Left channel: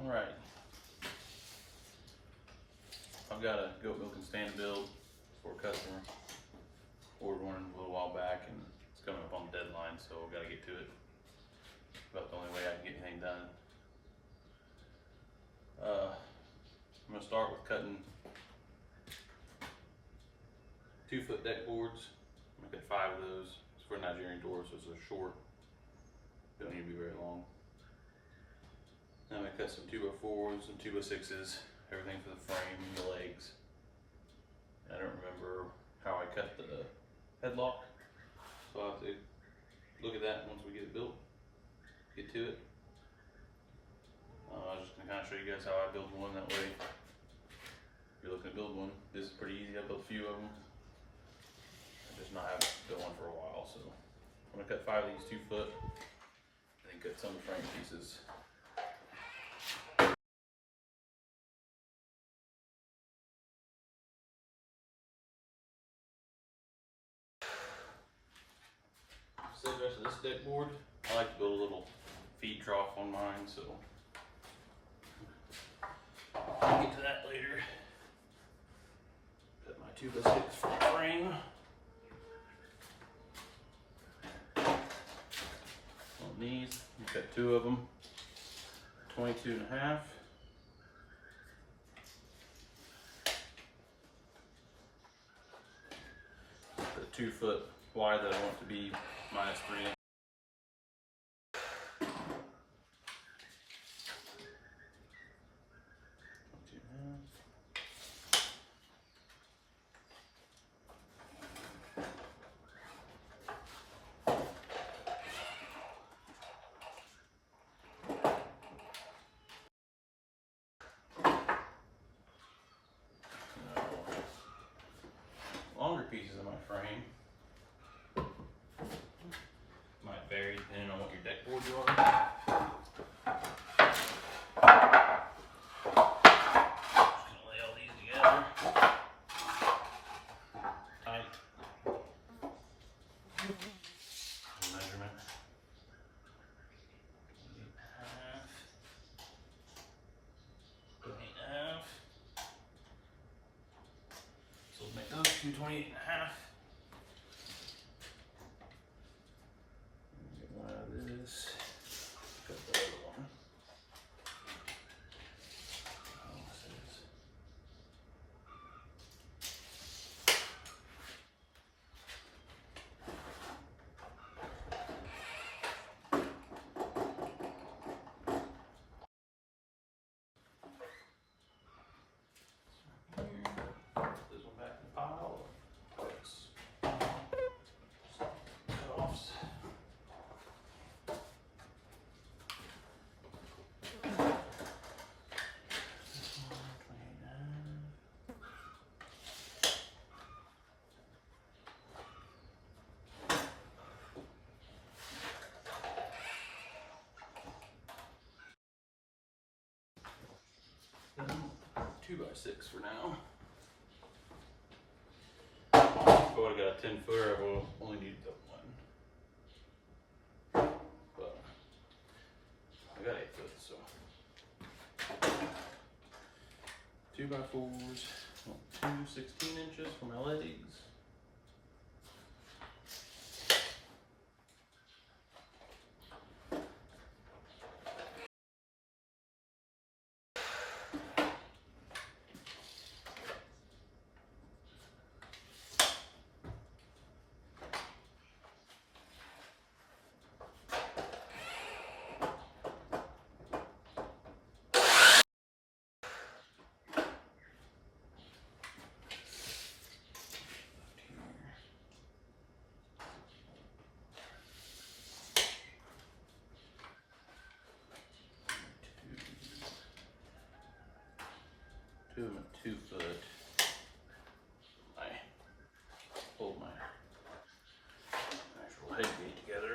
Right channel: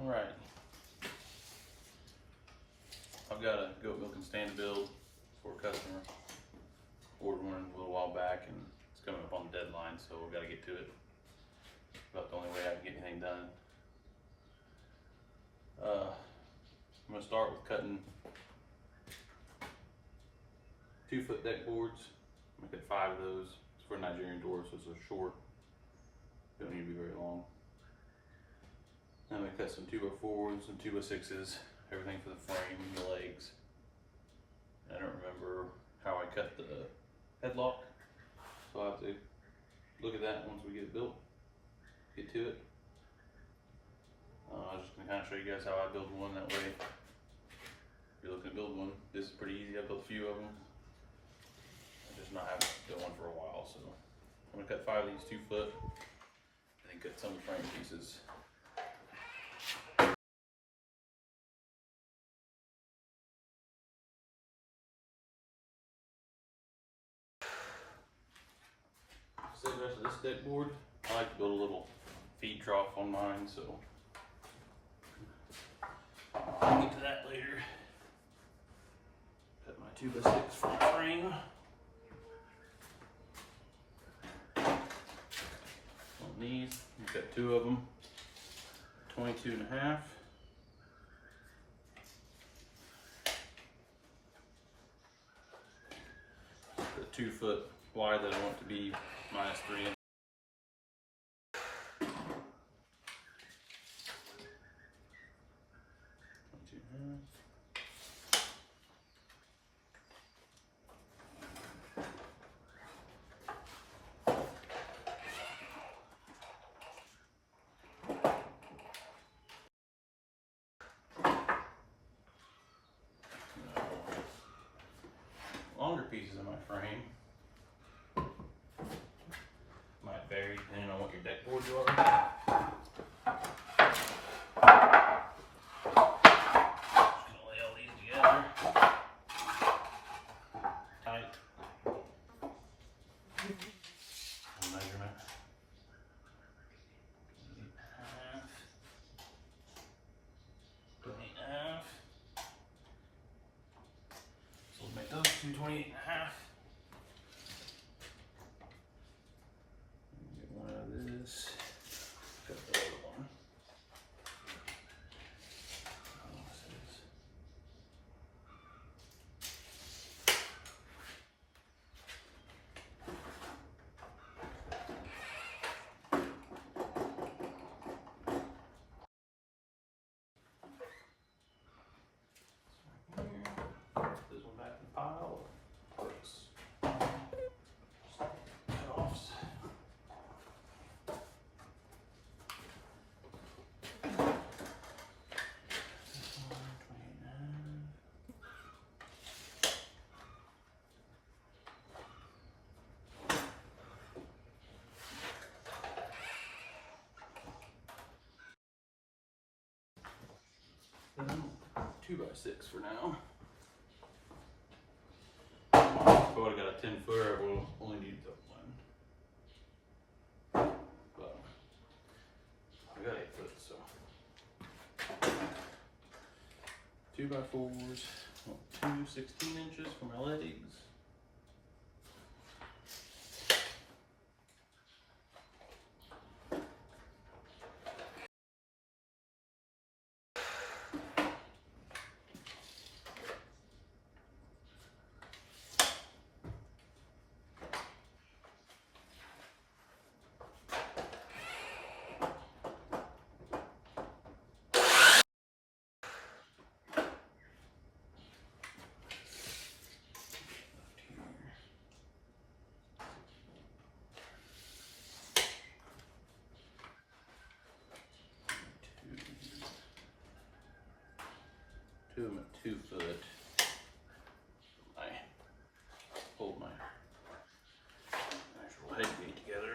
Alright. I've got a goat milking stand build for a customer. Ordered one a little while back and it's coming up on the deadline, so I've got to get to it. About the only way I can get anything done. I'm going to start with cutting 2-foot deck boards. I'm going to cut 5 of those. It's for Nigerian Dwarfs, so they're short. They don't need to be very long. Then I'm going to cut some 2x4s and 2x6s, everything for the frame and the legs. I don't remember how I cut the headlock, so I'll have to look at that once we get it built, get to it. I'm just going to kind of show you guys how I build one, that way if you're looking to build one, this is pretty easy. I built a few of them. I just not have built one for a while, so I'm going to cut 5 of these 2-foot and then cut some of the frame pieces. So the rest of this deck board, I like to build a little feed trough on mine, so I'll get to that later. Cut my 2x6 for the frame. On these, I've got 2 of them, 22.5. The 2-foot wide that I want to be -3 inches. Longer pieces of my frame might vary depending on what your deck board you are. Just gonna lay all these together tight. Measurement 28.5. So we'll make those 228.5. Get one of this. Cut the other one. Oh, what's this? This one back in the pile. Cut-offs. This one, 29. Then 2x6 for now. If I would have got a 10-footer, I will only need the one. But I got 8 foot, so 2x4s, 2 16 inches for my legs. Two of them at 2 foot. I hold my actual head gate together.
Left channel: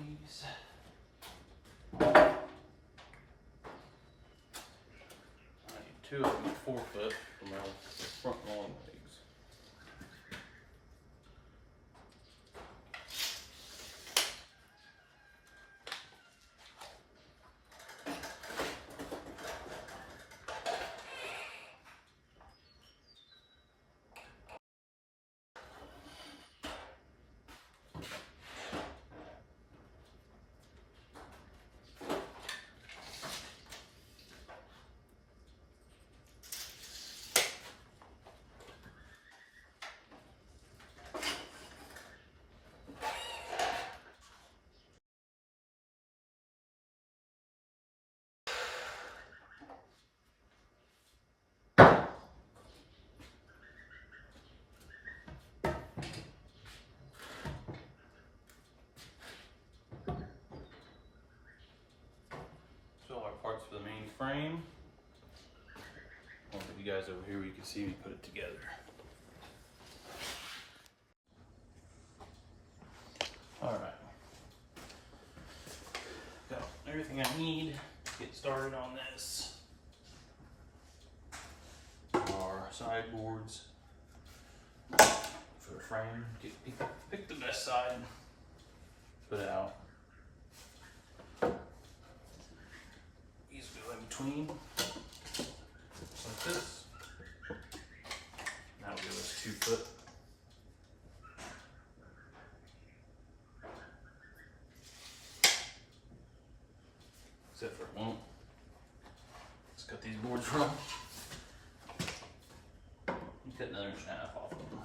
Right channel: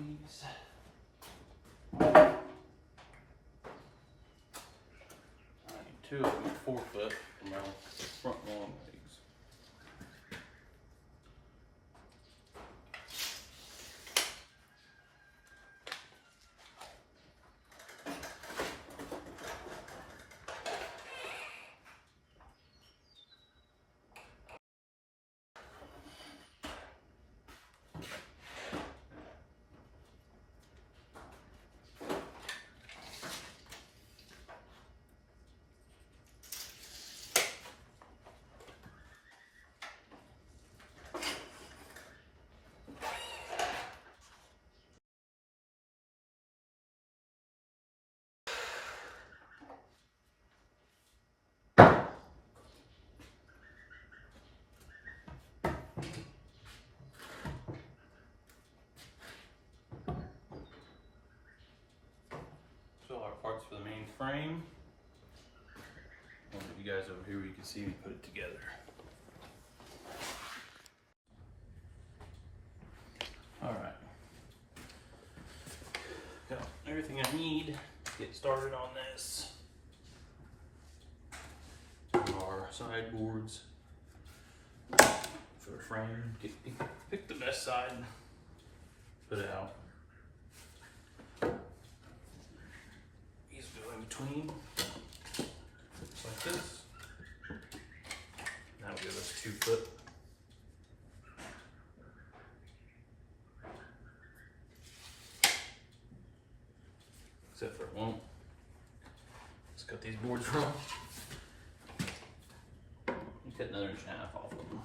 these. I need 2 of them at 4 foot for my front long legs. All our parts for the main frame. I'll put you guys over here where you can see me put it together. All right. Got everything I need to get started on this. Our sideboards for the frame. Pick the best side. Put it out. Between, just like this. That'll give us 2 foot. Except for it won't. Let's cut these boards wrong. Cut another 1.5 inches off of them.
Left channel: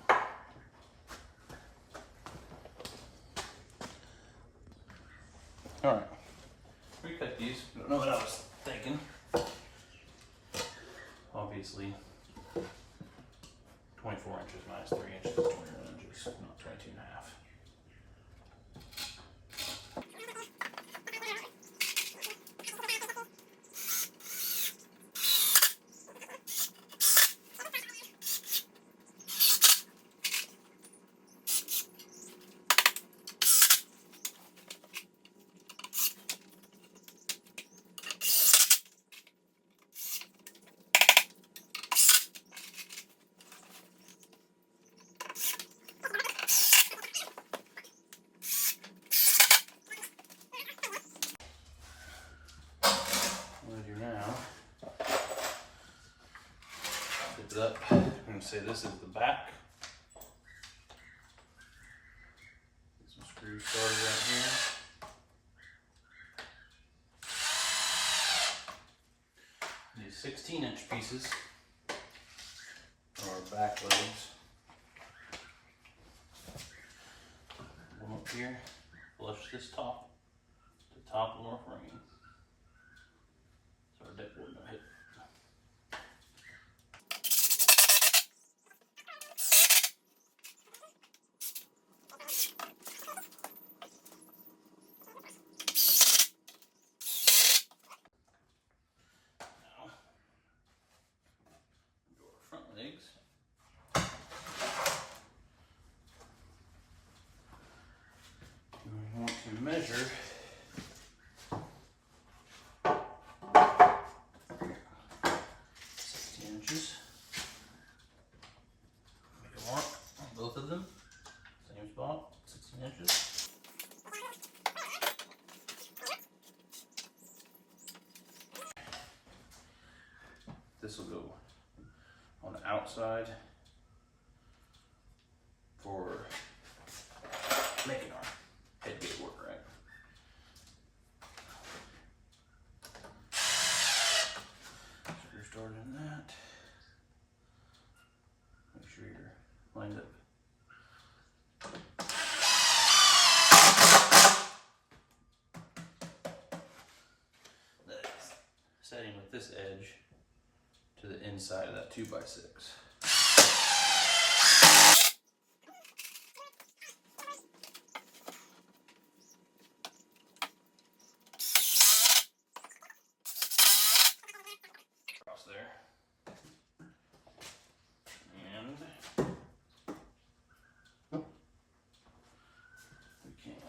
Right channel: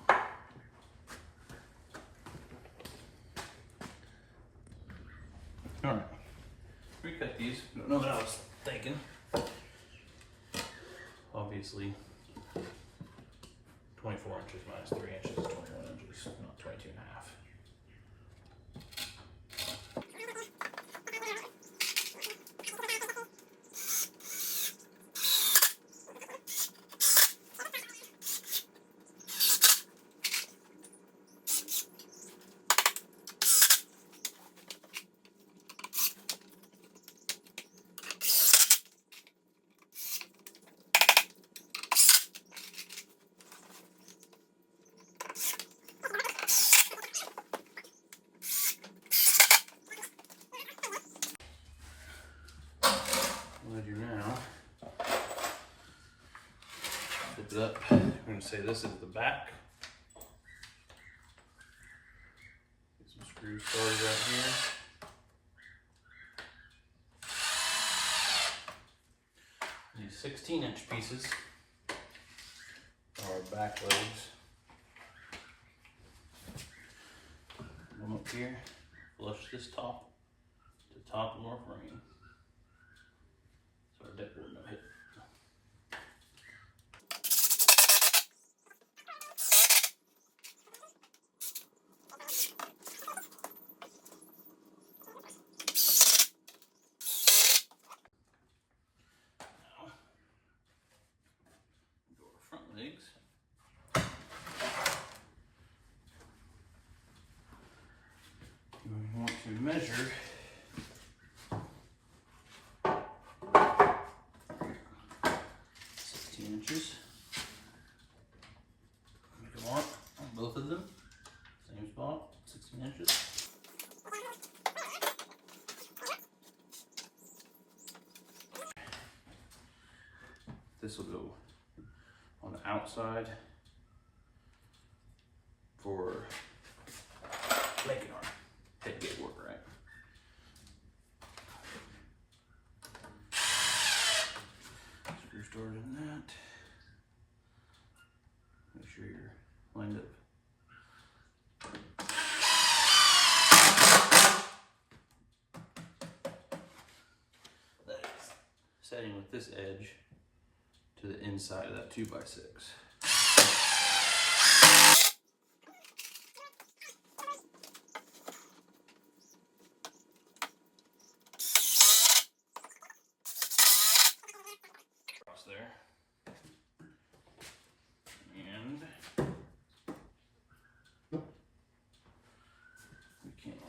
All right, recut these. I don't know what I was thinking. Obviously, 24 inches minus 3 inches is 21 inches, not 22.5. What I do now, flip it up. I'm going to say this is the back. Get some screws started right here. These 16-inch pieces are back legs. Come up here, flush this top to top of our frame. So our deck board not hit. Now, do our front legs. We want to measure 16 inches. Make a mark on both of them. Same spot, 16 inches. This will go on the outside for making our head gate work right. Screw started in that. Make sure you're lined up. That is setting with this edge to the inside of that 2x6. Across there. And we can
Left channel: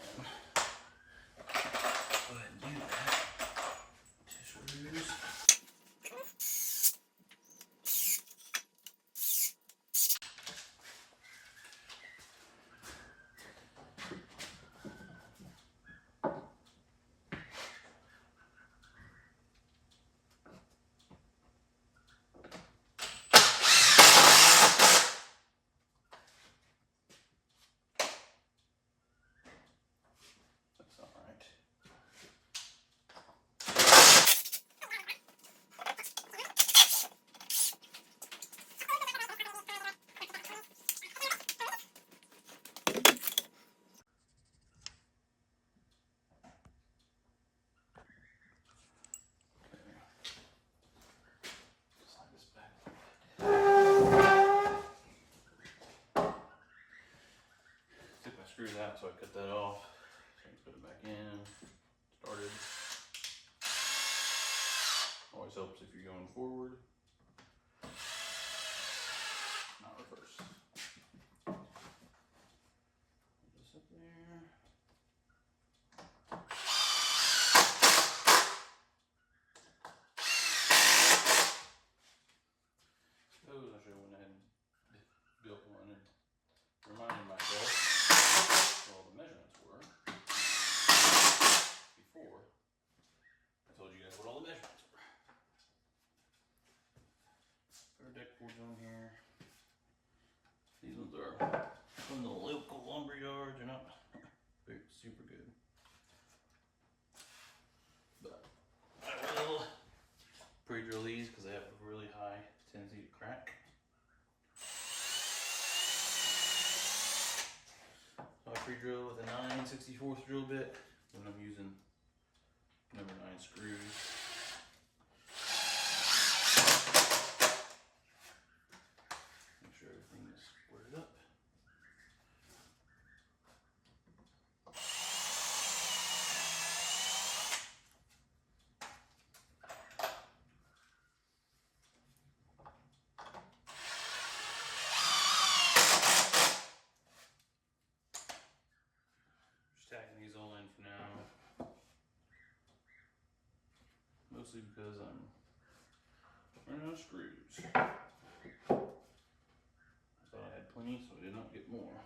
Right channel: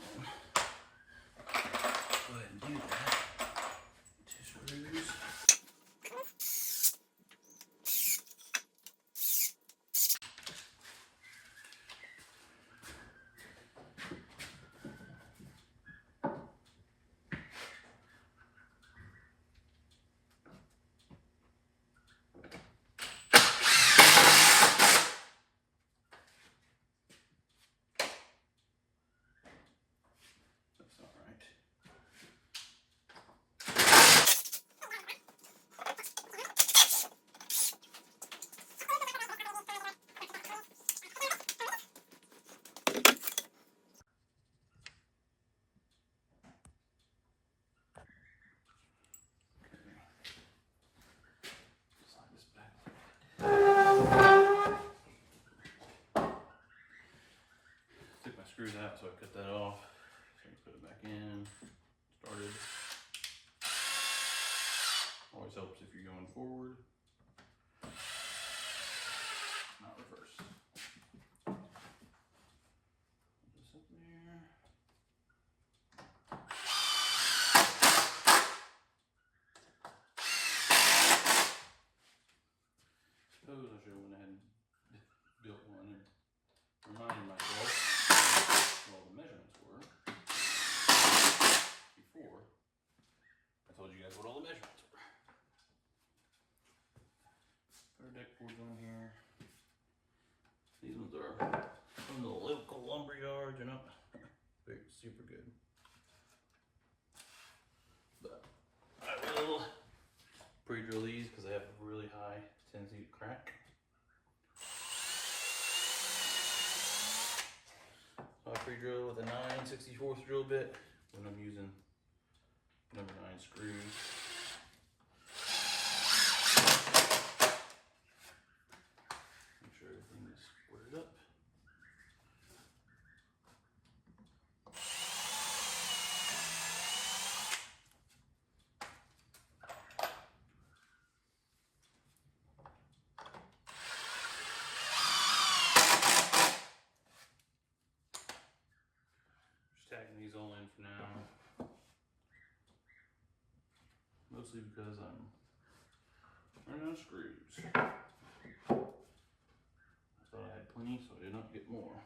screws out, so I cut that off. So you put it back in, started. Always helps if you're going forward, not reverse. Put this up there. Suppose I should have went ahead and built one and reminded myself what all the measurements were before I told you guys what all the measurements were. Our deck boards on here. These ones are from the local lumber yard. They're not very super good, but I will pre-drill these because they have a really high tendency to crack. So I pre-drill with a 9/64 drill bit when I'm using number 9 screws. Make sure everything is squared up. Just tagging these all in for now. Mostly because I'm running out of screws. I thought I had plenty, so I did not get more.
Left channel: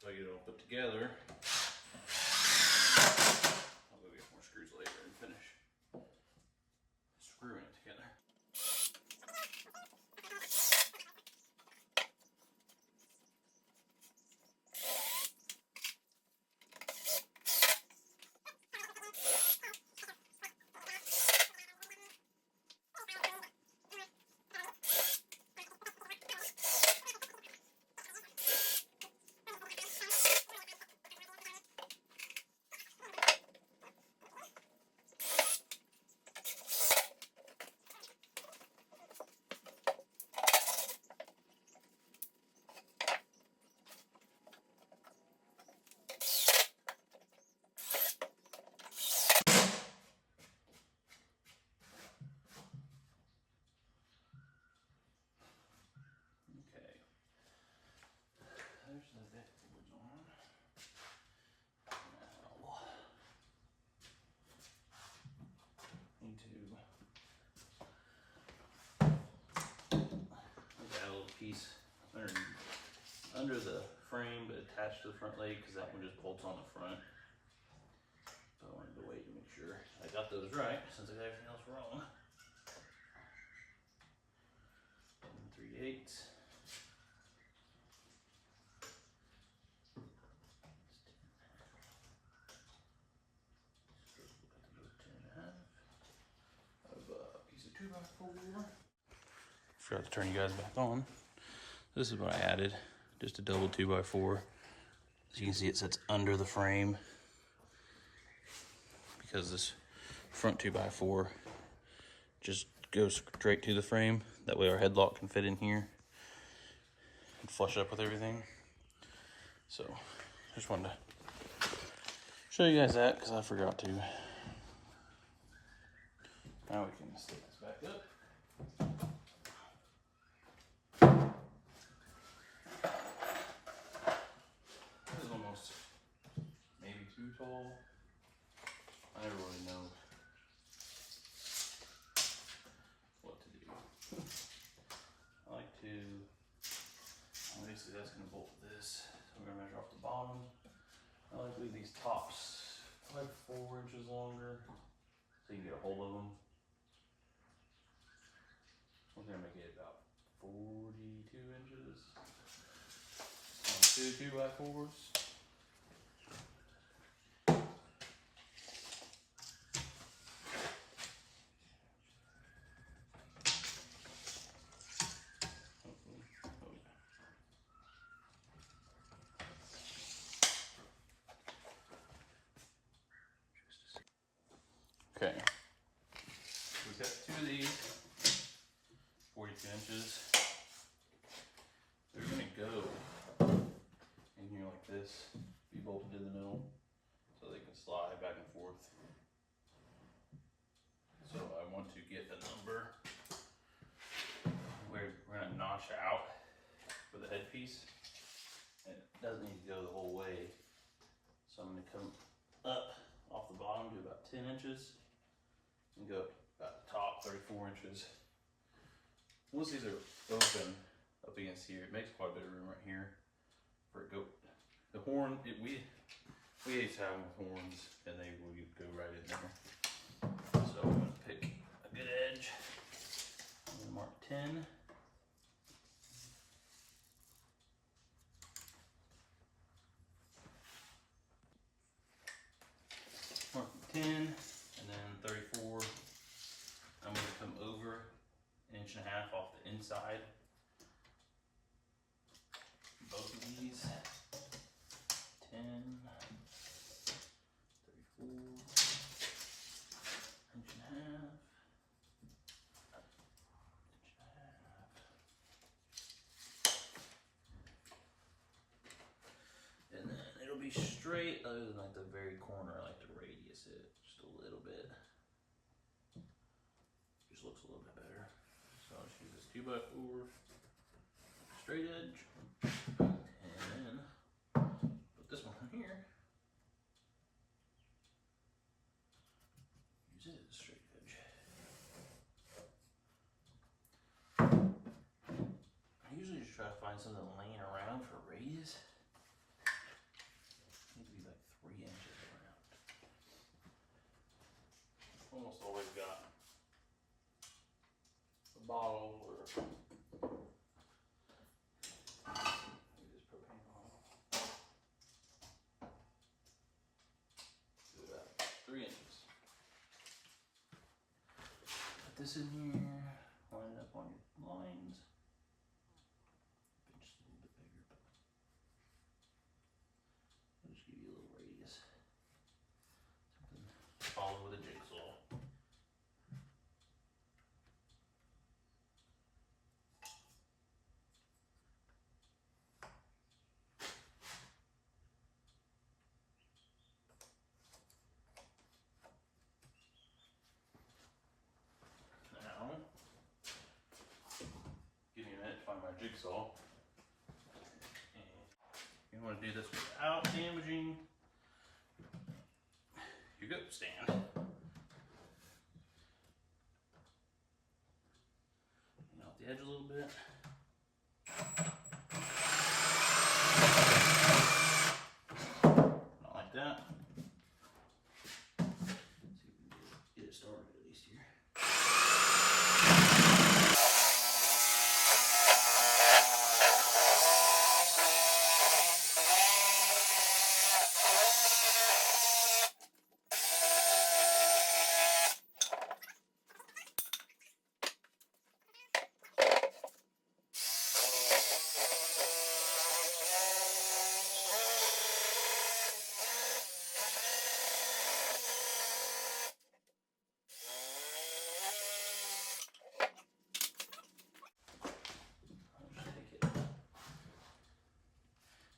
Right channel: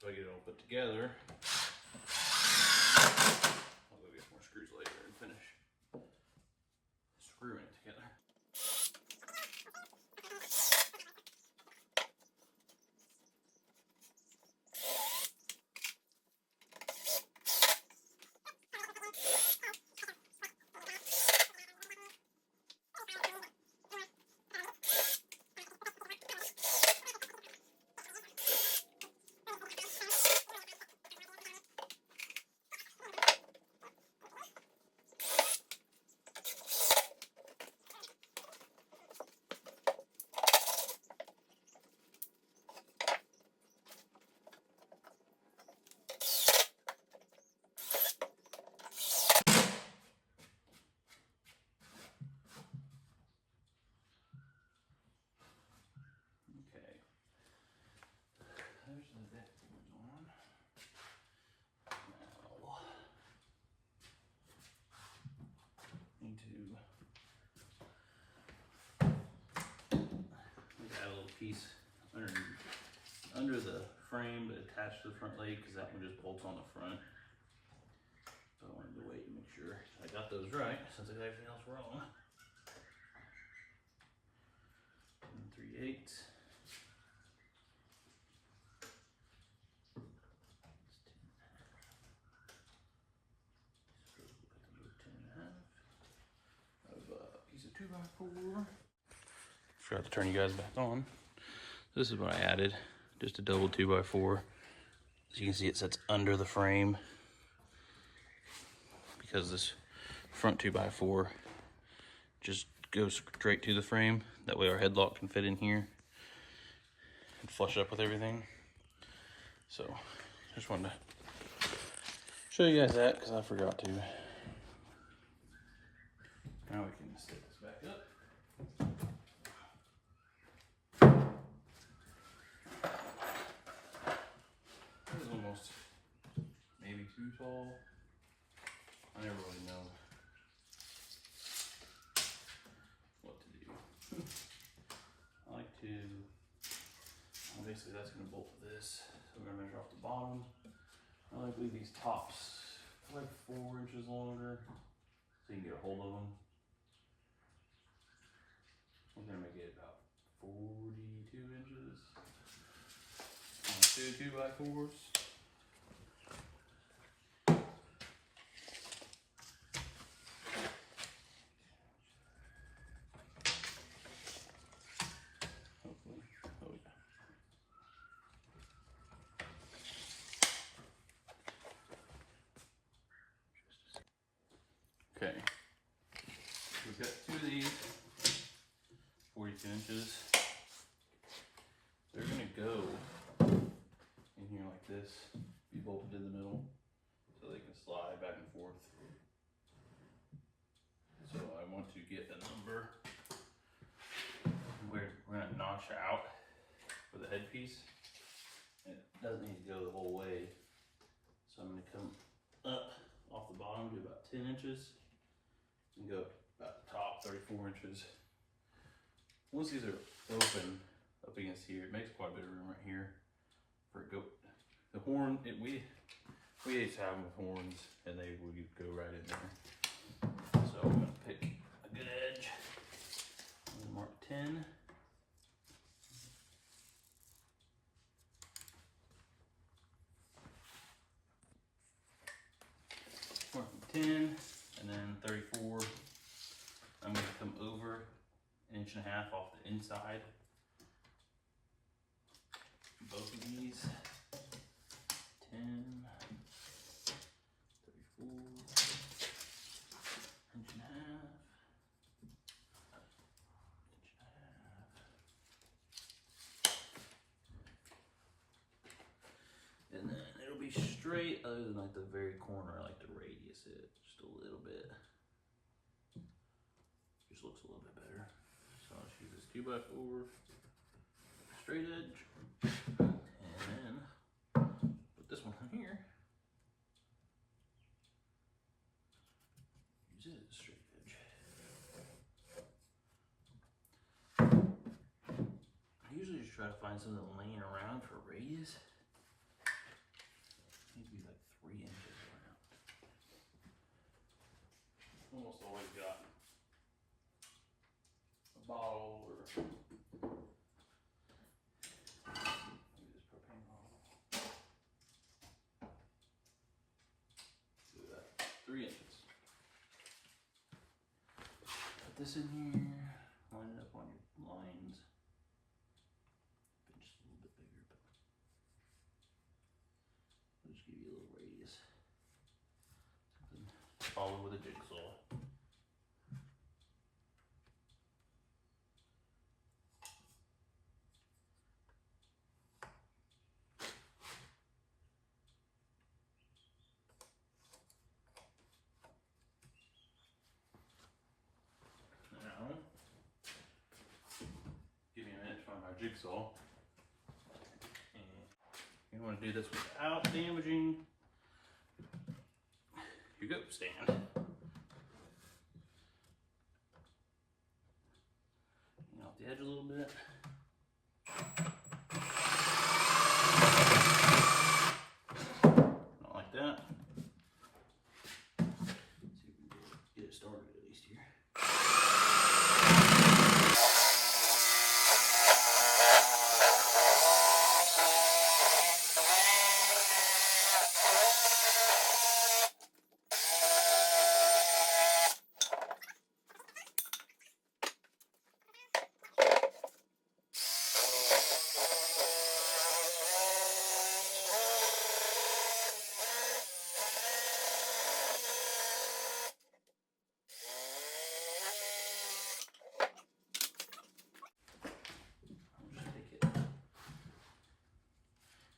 So I get it all put together. I'll go get more screws later and finish screwing it together. There's the deck boards on. Now, need to add a little piece under the frame, but attached to the front leg, because that one just bolts on the front. So I wanted to wait to make sure I got those right, since I got everything else wrong. 3/8. Piece of 2x4. Forgot to turn you guys back on. This is what I added, just a double 2x4. As you can see, it sits under the frame because this front 2x4 just goes straight to the frame. That way our headlock can fit in here and flush up with everything. So just wanted to show you guys that because I forgot to. Now we can stick this back up. This is almost maybe too tall. I never really know what to do. I like to, obviously that's going to bolt with this. So we're going to measure off the bottom. I like to leave these tops like 4 inches longer so you can get a hold of them. I'm going to make it about 42 inches. 2 2x4s. Okay, we've got 2 of these. get a number. We're gonna notch out for the headpiece. And it doesn't need to go the whole way. So I'm gonna come up off the bottom to about 10 inches and go up about the top 34 inches. Once these are open up against here, it makes quite a bit of room right here for it go. The horn, we used to have them with horns and they would go right in there. So I'm gonna pick a good edge. I'm gonna mark 10. Mark 10 and then 34. I'm gonna come over 1.5 inches off the inside. Both of these. 10, 34, 1.5 inches. And then it'll be straight, other than like the very corner. I like to radius it just a little bit. Just looks a little bit better. So I'll just use this 2x4 straight edge, and then put this one from here. Use it as a straight edge. I usually just try to find something laying around for a radius. Need to be like 3 inches around. Almost always got a bottle or maybe this propane bottle. Do that. 3 inches. Put this in here. Line it up on your lines. Just a little bit bigger, but I'll just give you a little radius. Something followed with a jigsaw. Now, give me a minute to find my jigsaw. You want to do this without damaging your goat stand. Clean off the edge a little bit. Not like that. See if we can get it started at least here.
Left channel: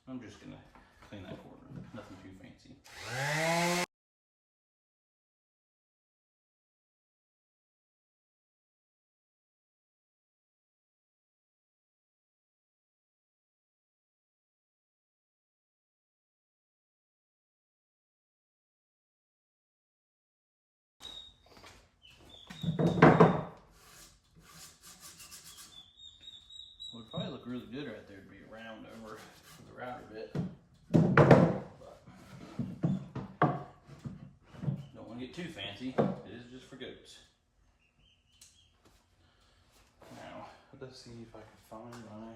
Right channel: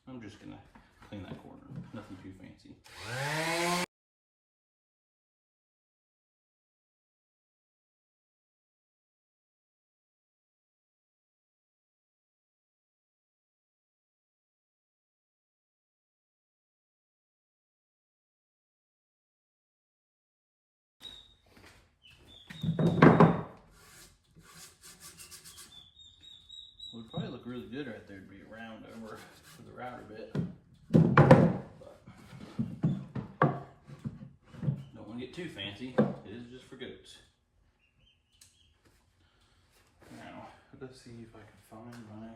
I'm just gonna clean that corner, nothing too fancy. Would probably look really good right there to be round over to the router bit. But don't want to get too fancy. It is just for goats. Now, let's see if I can find my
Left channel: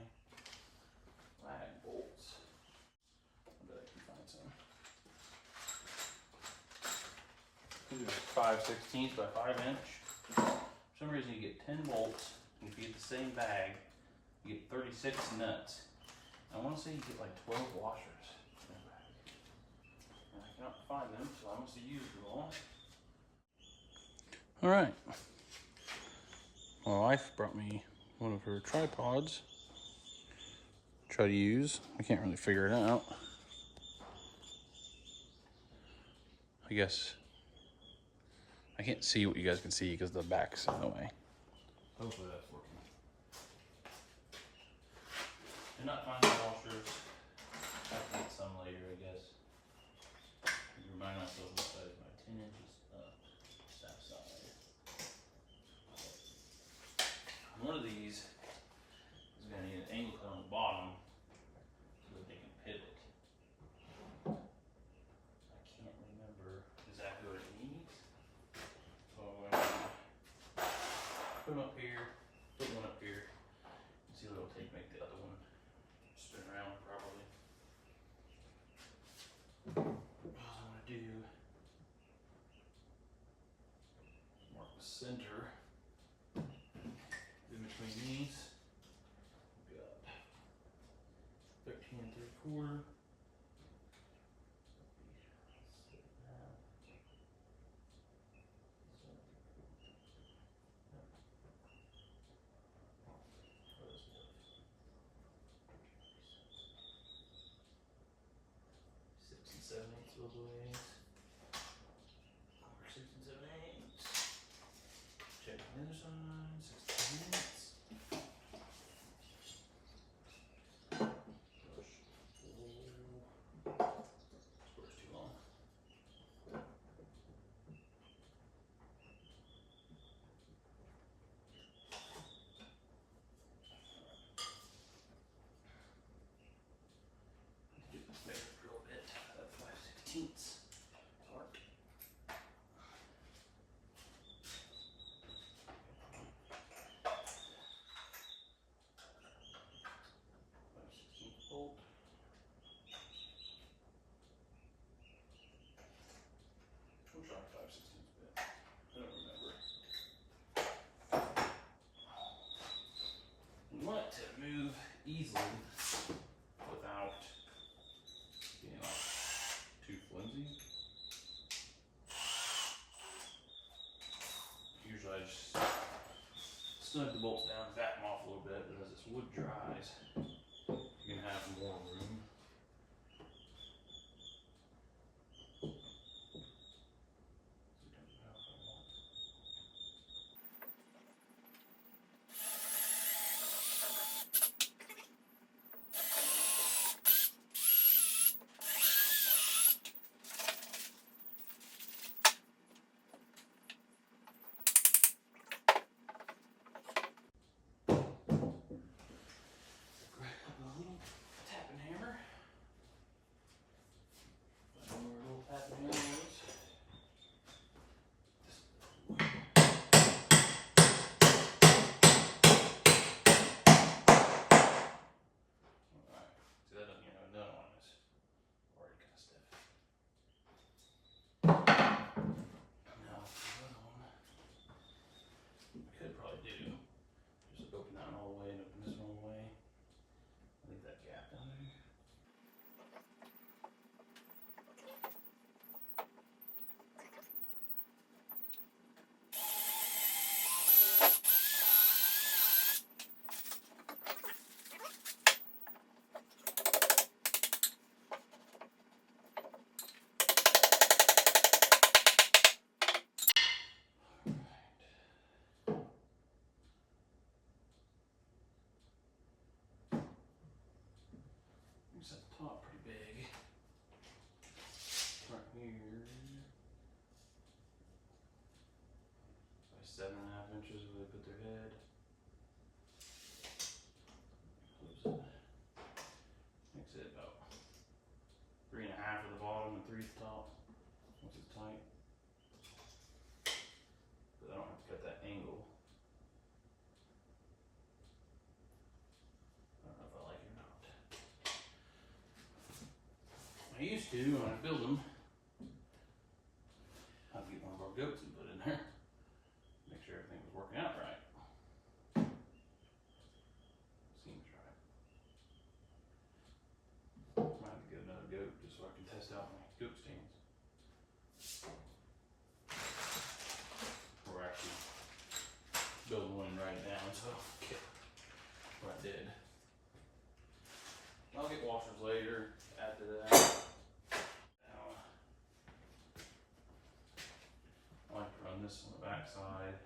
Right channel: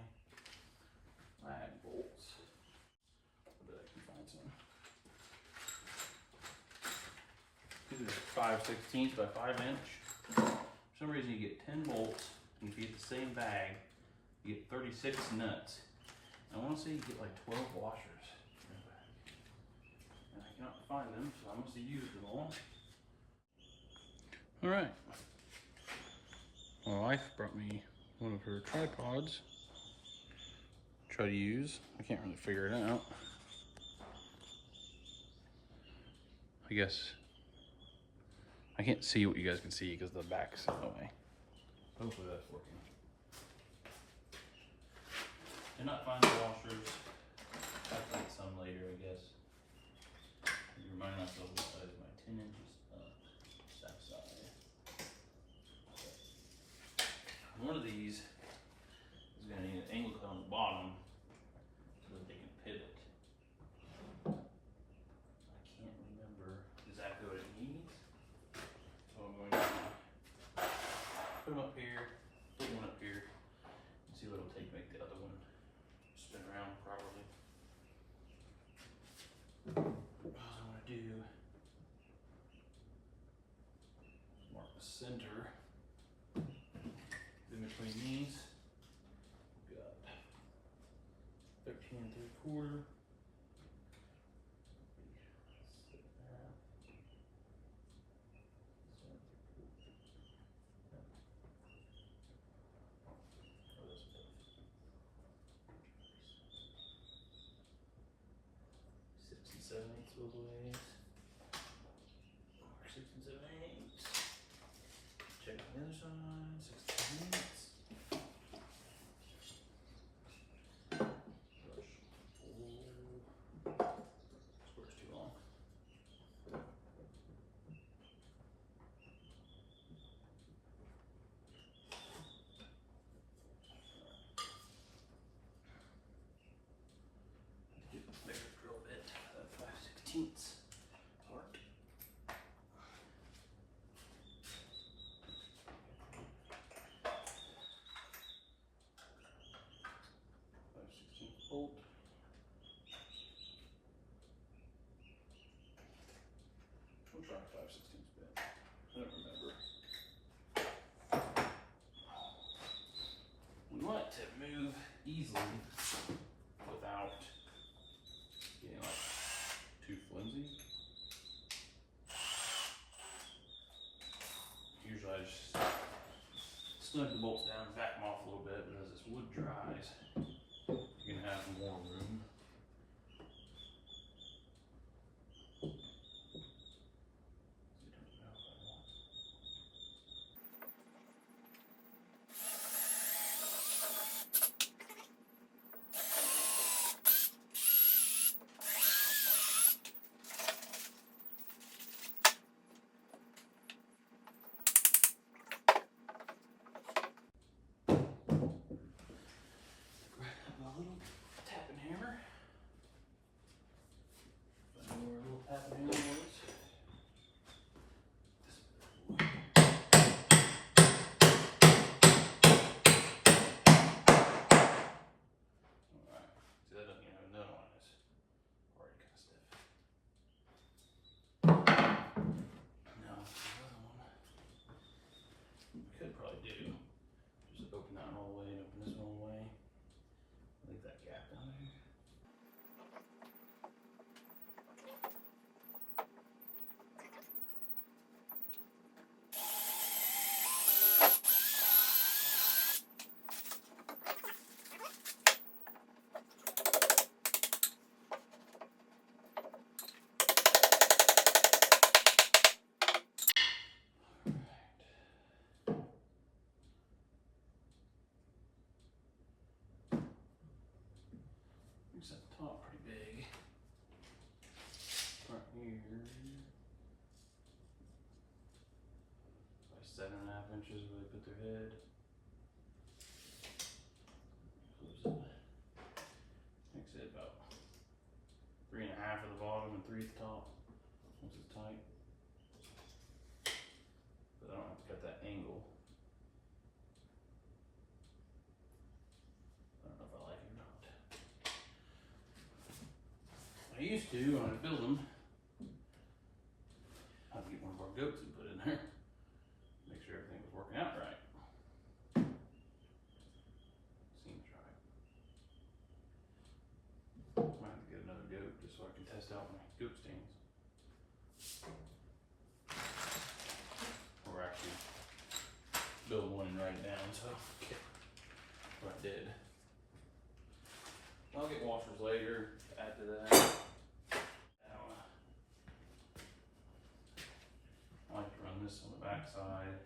lag bolts. I bet I can find some. These are 5/16 by 5 inch. For some reason you get 10 bolts. If you get the same bag, you get 36 nuts. I want to say you get like 12 washers. I cannot find them, so I must have used them all. All right. My wife brought me one of her tripods to try to use. I can't really figure it out. I guess I can't see what you guys can see because the back's in the way. Hopefully that's working. Did not find the washers. I'll get some later, I guess. I need to remind myself what size my 10 inches up. That side. One of these is going to need an angle cut on the bottom so that they can pivot. I can't remember exactly what it needs. So I'm going to put them up here, put one up here, and see what it'll take to make the other one spin around properly. What I'm going to do is mark the center in between these. We've got 13 3/4. Both ways. 6 7/8. Check the other side. 6 7/8. Square's too long. Get this bigger drill bit. 5/16 part. 5/16 bolt. We'll try 5/16 bit. I don't remember. We want it to move easily without being like too flimsy. Usually I just snug the bolts down, back them off a little bit, but as this wood dries, you can have more room. At the top pretty big. Right here. By 7.5 inches where they put their head. Close it. Makes it about 3.5 at the bottom and 3 at the top. Once it's tight. But I don't have to cut that angle. I don't know if I like it or not. I used to when I was building. I'd get one of our goats and put it in there. Make sure everything was working out right. Seems right. Might have to get another goat just so I can test out my goat stands. We're actually building one and write it down, so okay. What I did. I'll get washers later after that. I like to run this on the back side.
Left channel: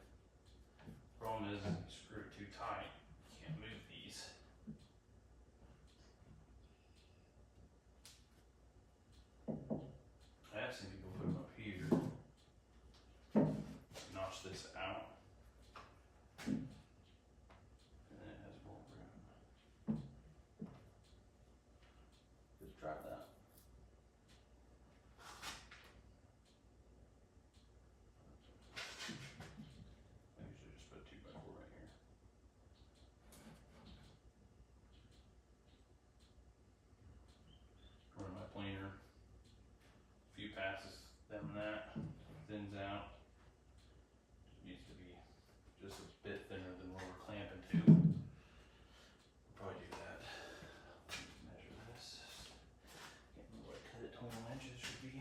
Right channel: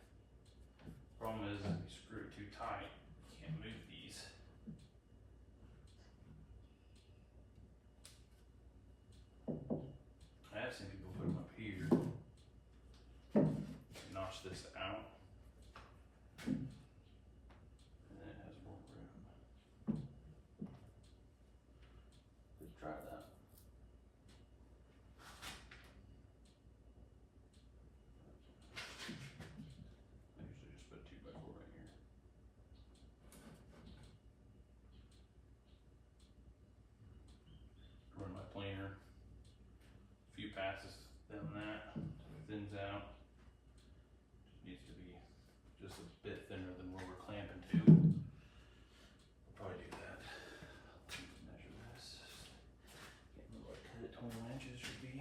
Problem is, if you screw it too tight, you can't move these. I have seen people put them up here, notch this out, and then it has more room. Just try that. I usually just put a 2x4 right here. Run my planer. A few passes, then that thins out. Needs to be just a bit thinner than what we're clamping to. We'll probably do that. Let me measure this. Can't remember what I cut it 21 inches should be.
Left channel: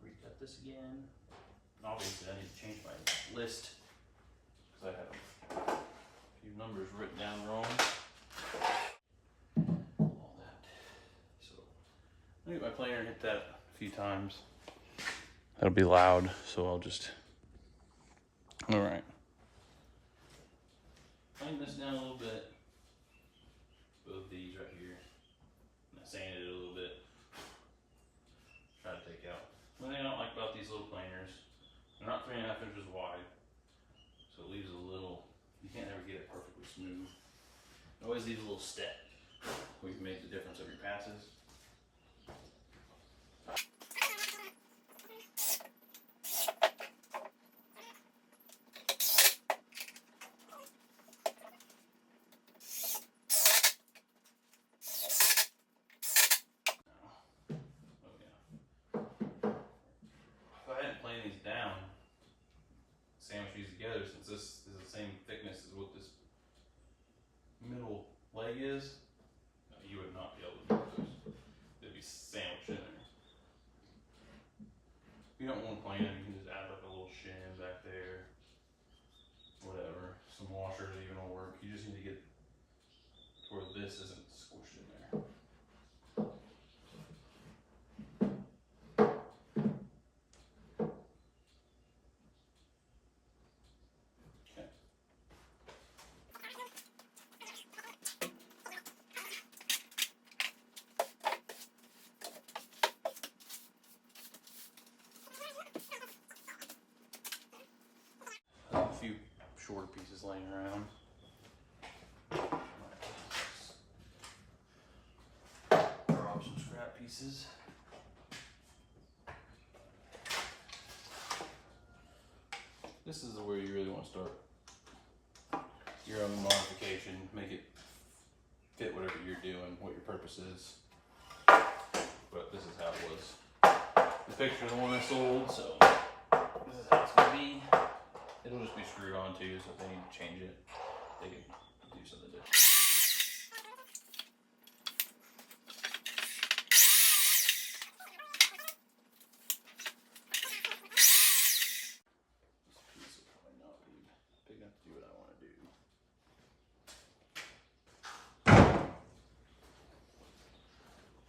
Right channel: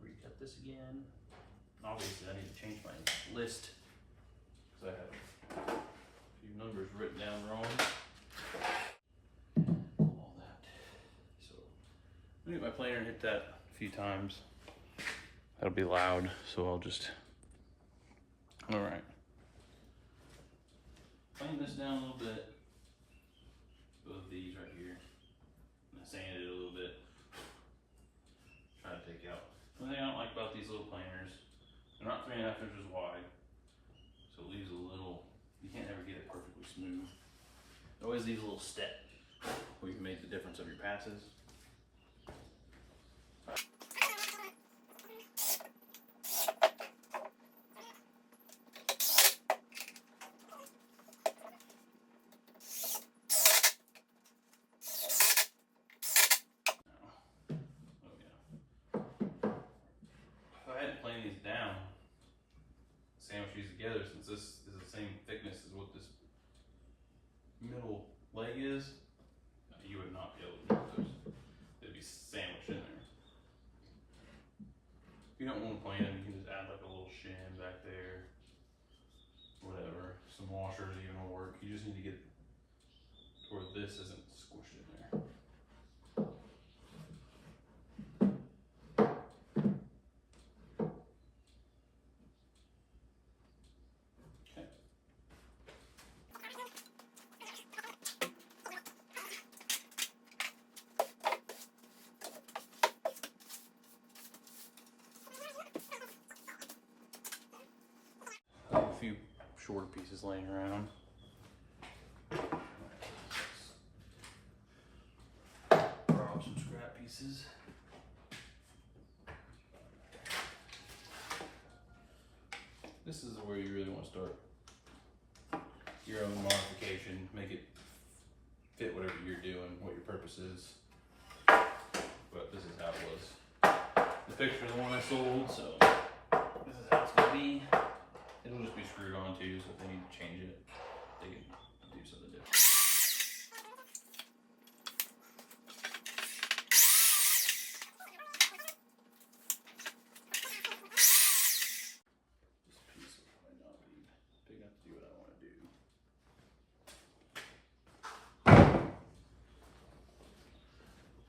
Recut this again. Obviously I need to change my list because I have a few numbers written down wrong. All that. So let me get my planer and hit that a few times. That'll be loud, so I'll just, all right. Plane this down a little bit. Both these right here. And I sanded it a little bit. Try to take out. One thing I don't like about these little planers, they're not 3.5 inches wide. So it leaves a little, you can't ever get it perfectly smooth. It always leaves a little step where you can make the difference of your passes. These down, sandwich these together, since this is the same thickness as what this middle leg is, you would not be able to do those. They'd be sandwiched in there. If you don't want to plane them, you can just add like a little shim back there, whatever. Some washers even will work. You just need to get to where this isn't squished in there. A few short pieces laying around. Grab some scrap pieces. This is where you really want to start your own modification, make it fit whatever you're doing, what your purpose is. But this is how it was. The picture of the one I sold, so this is how it's going to be. It'll just be screwed on too, so if they need to change it, they can do something different. This piece will probably not be big enough to do what I want to do.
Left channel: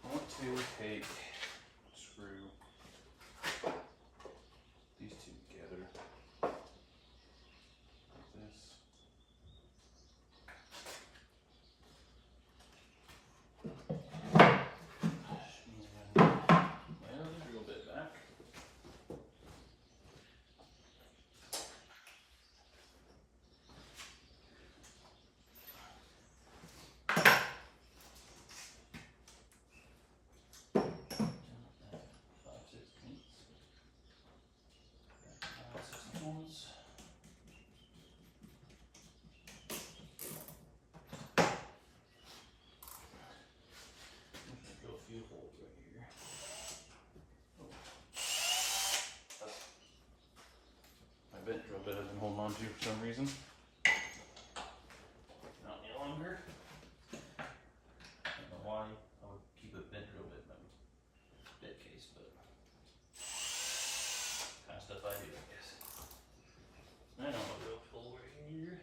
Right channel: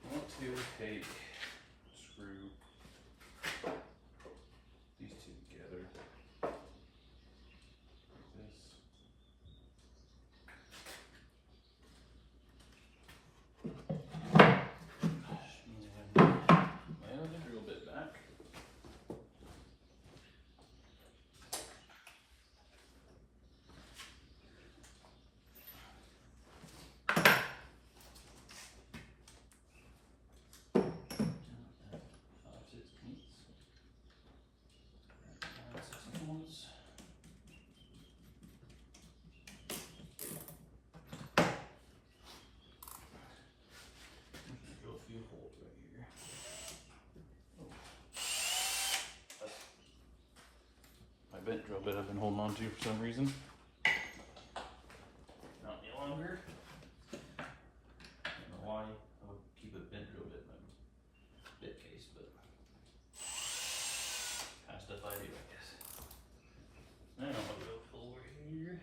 I want to take, screw these two together. Bent drill bit I've been holding on to for some reason. Not any longer. I don't know why I would keep a bent drill bit in my bit case, but kind of stuff I do, I guess. I don't know real full right here.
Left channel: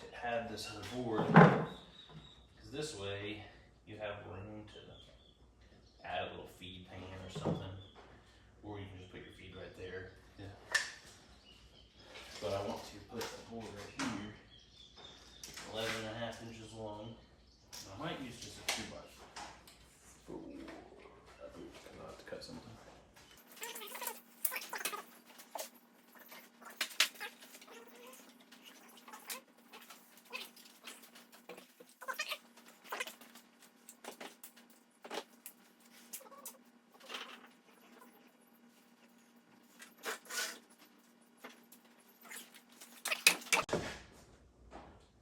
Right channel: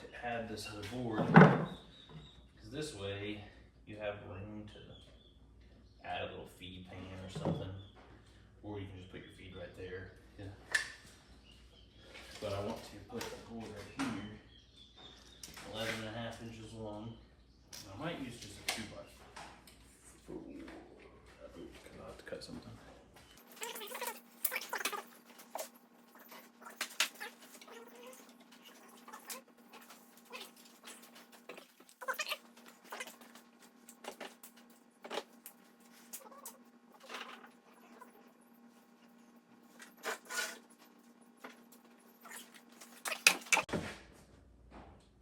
to add this other board, because this way you have room to add a little feed pan or something, or you can just put your feed right there. Yeah. But I want to put the board right here, 11.5 inches long. I might use just a 2x4. I'll have to cut something.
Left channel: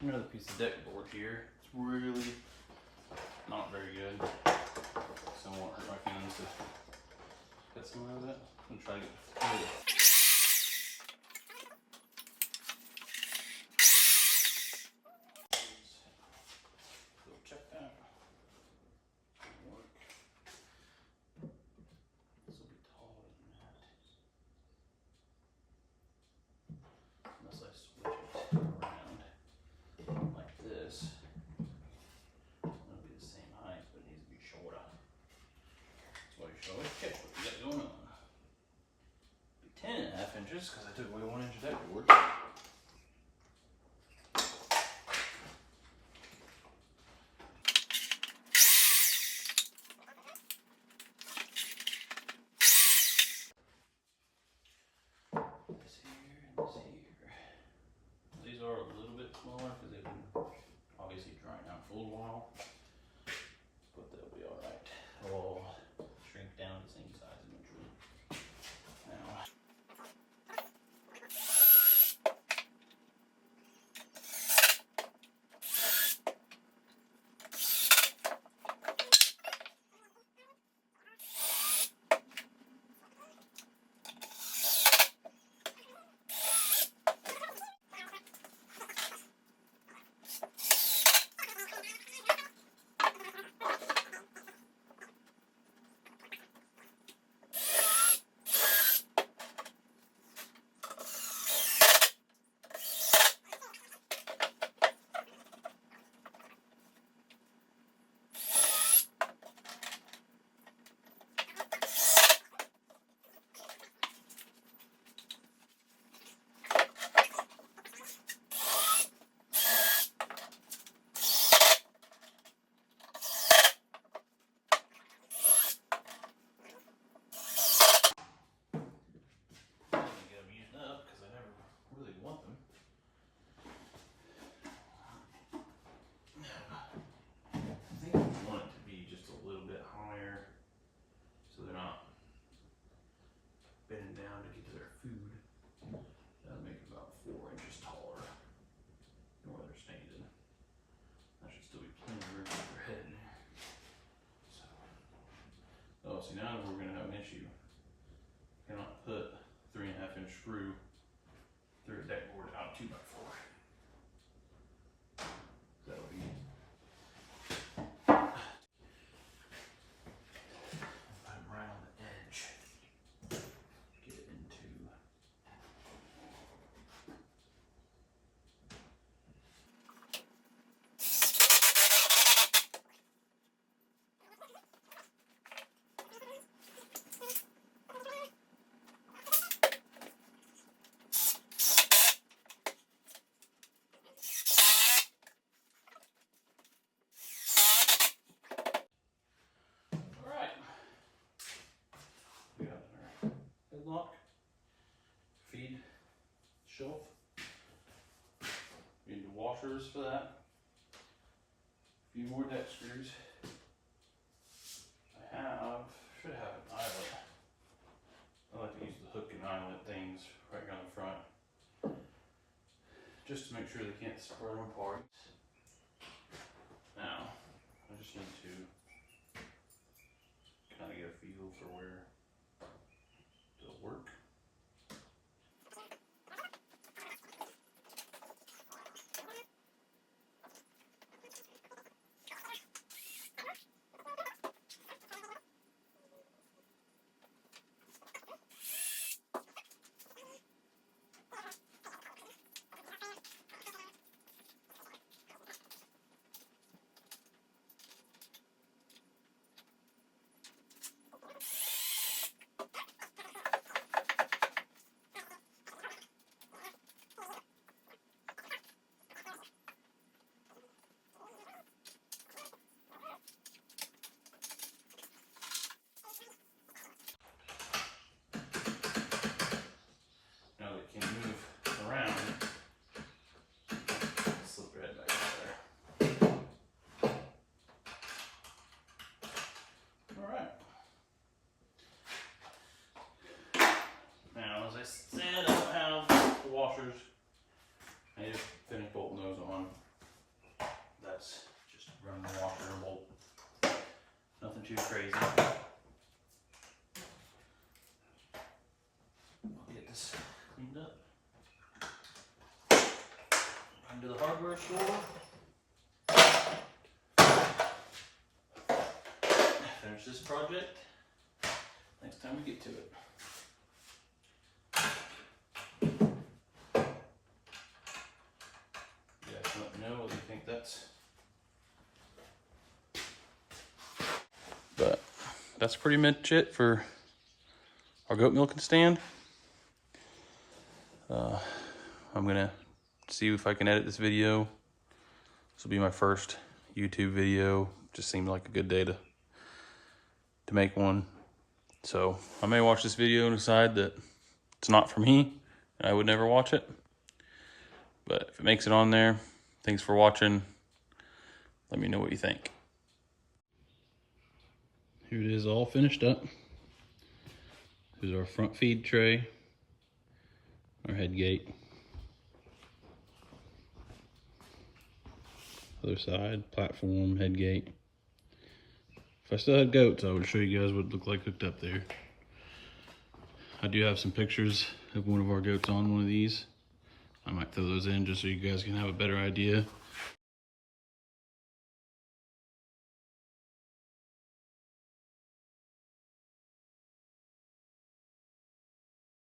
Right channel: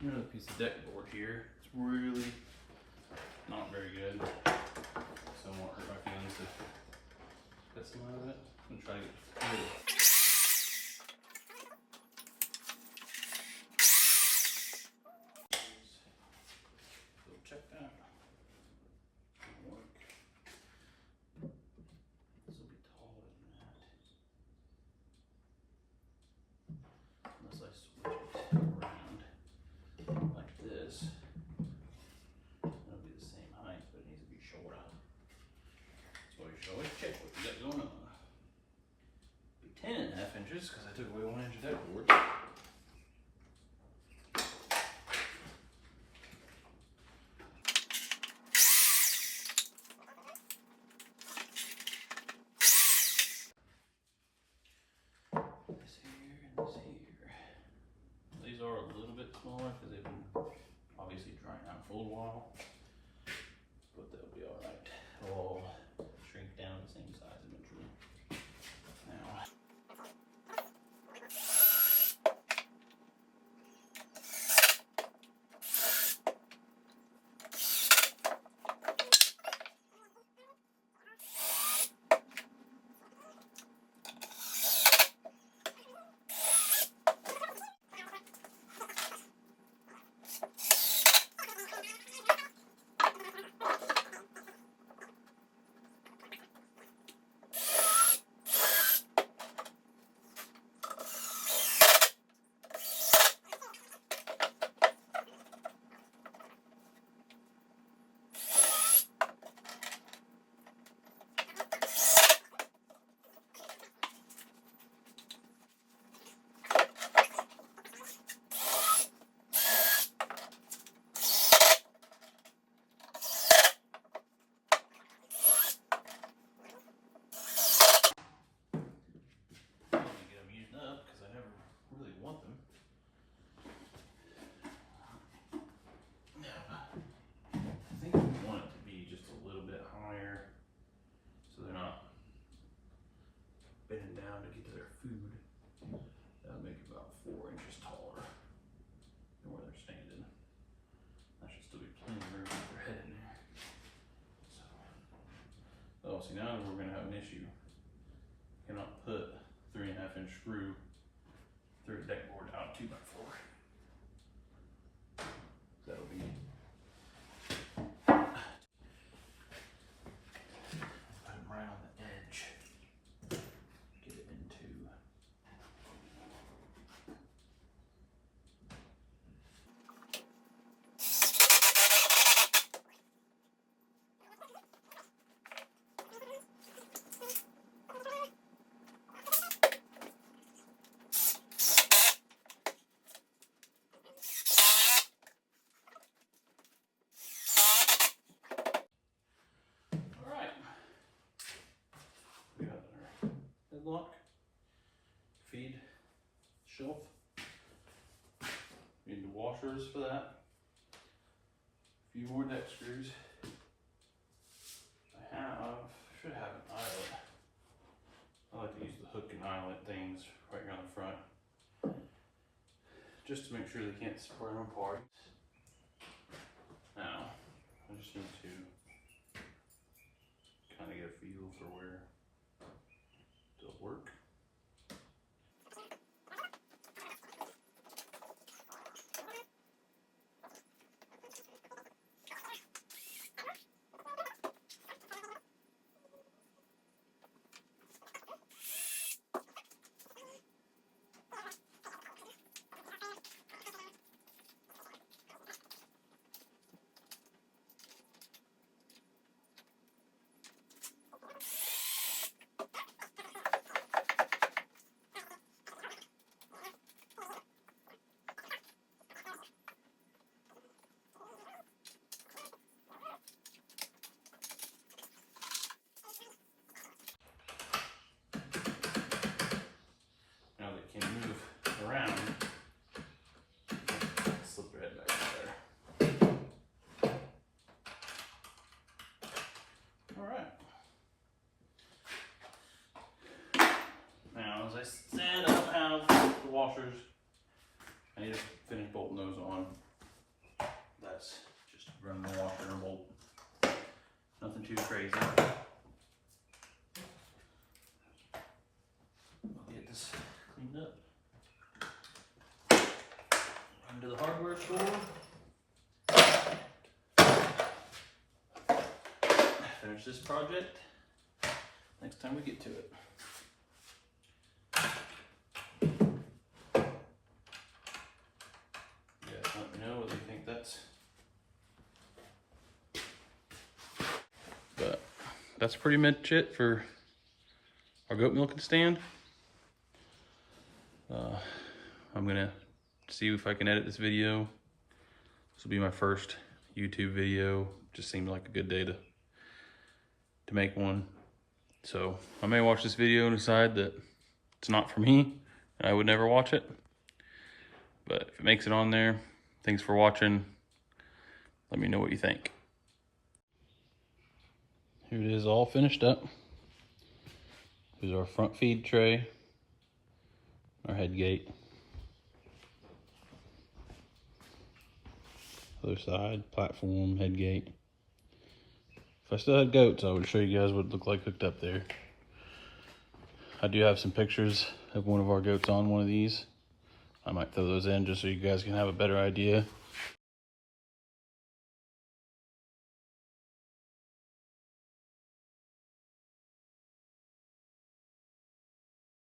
Another piece of deck board here. It's really not very good, so I won't hurt my hands to cut some of it and try to get through it. So check that. It'll work. This will be taller than that, unless I switch it around like this. It'll be the same height, but it needs to be shorter. That's why you always check what you got going on. Be 10.5 inches because I took away 1 inch deck board. This here and this here. These are a little bit smaller because they've been obviously drying out for a little while, but they'll be all right. They'll all shrink down to the same size eventually. Now, I'm gonna get them used up because I never really want them. I think we want it to be just a little bit higher so they're not bending down to get to their food. That'll make it about 4 inches taller than where they're standing. That should still be plenty of room to put their head in there. So, oh, see, now we're gonna have an issue. Cannot put 3.5 inch screw through a deck board out 2x4. That'll be. Put them right on the edge. Get it into. Headlock, feed, shelf. You need the washers for that. A few more deck screws. Should have an eyelet. I like to use the hook and eyelet things right here on the front, just to make sure they can't spread apart. Now, I just need to kind of get a feel for where it'll work. washers. I need to finish bolting those on. That's just run the washer and bolt. Nothing too crazy. I'll get this cleaned up. Run to the hardware store. Finish this project next time we get to it. Yeah, let me know whether you think that's. But that's pretty much it for our goat milking stand. I'm gonna see if I can edit this video. This will be my first YouTube video. Just seemed like a good day to make one. So I may watch this video and decide that it's not for me and I would never watch it. But if it makes it on there, thanks for watching. Let me know what you think. Here it is, all finished up. Here's our front feed tray, our head gate. Other side, platform, head gate. If I still had goats, I would show you guys what it looked like hooked up there. I do have some pictures of one of our goats on one of these. I might throw those in just so you guys can have a better idea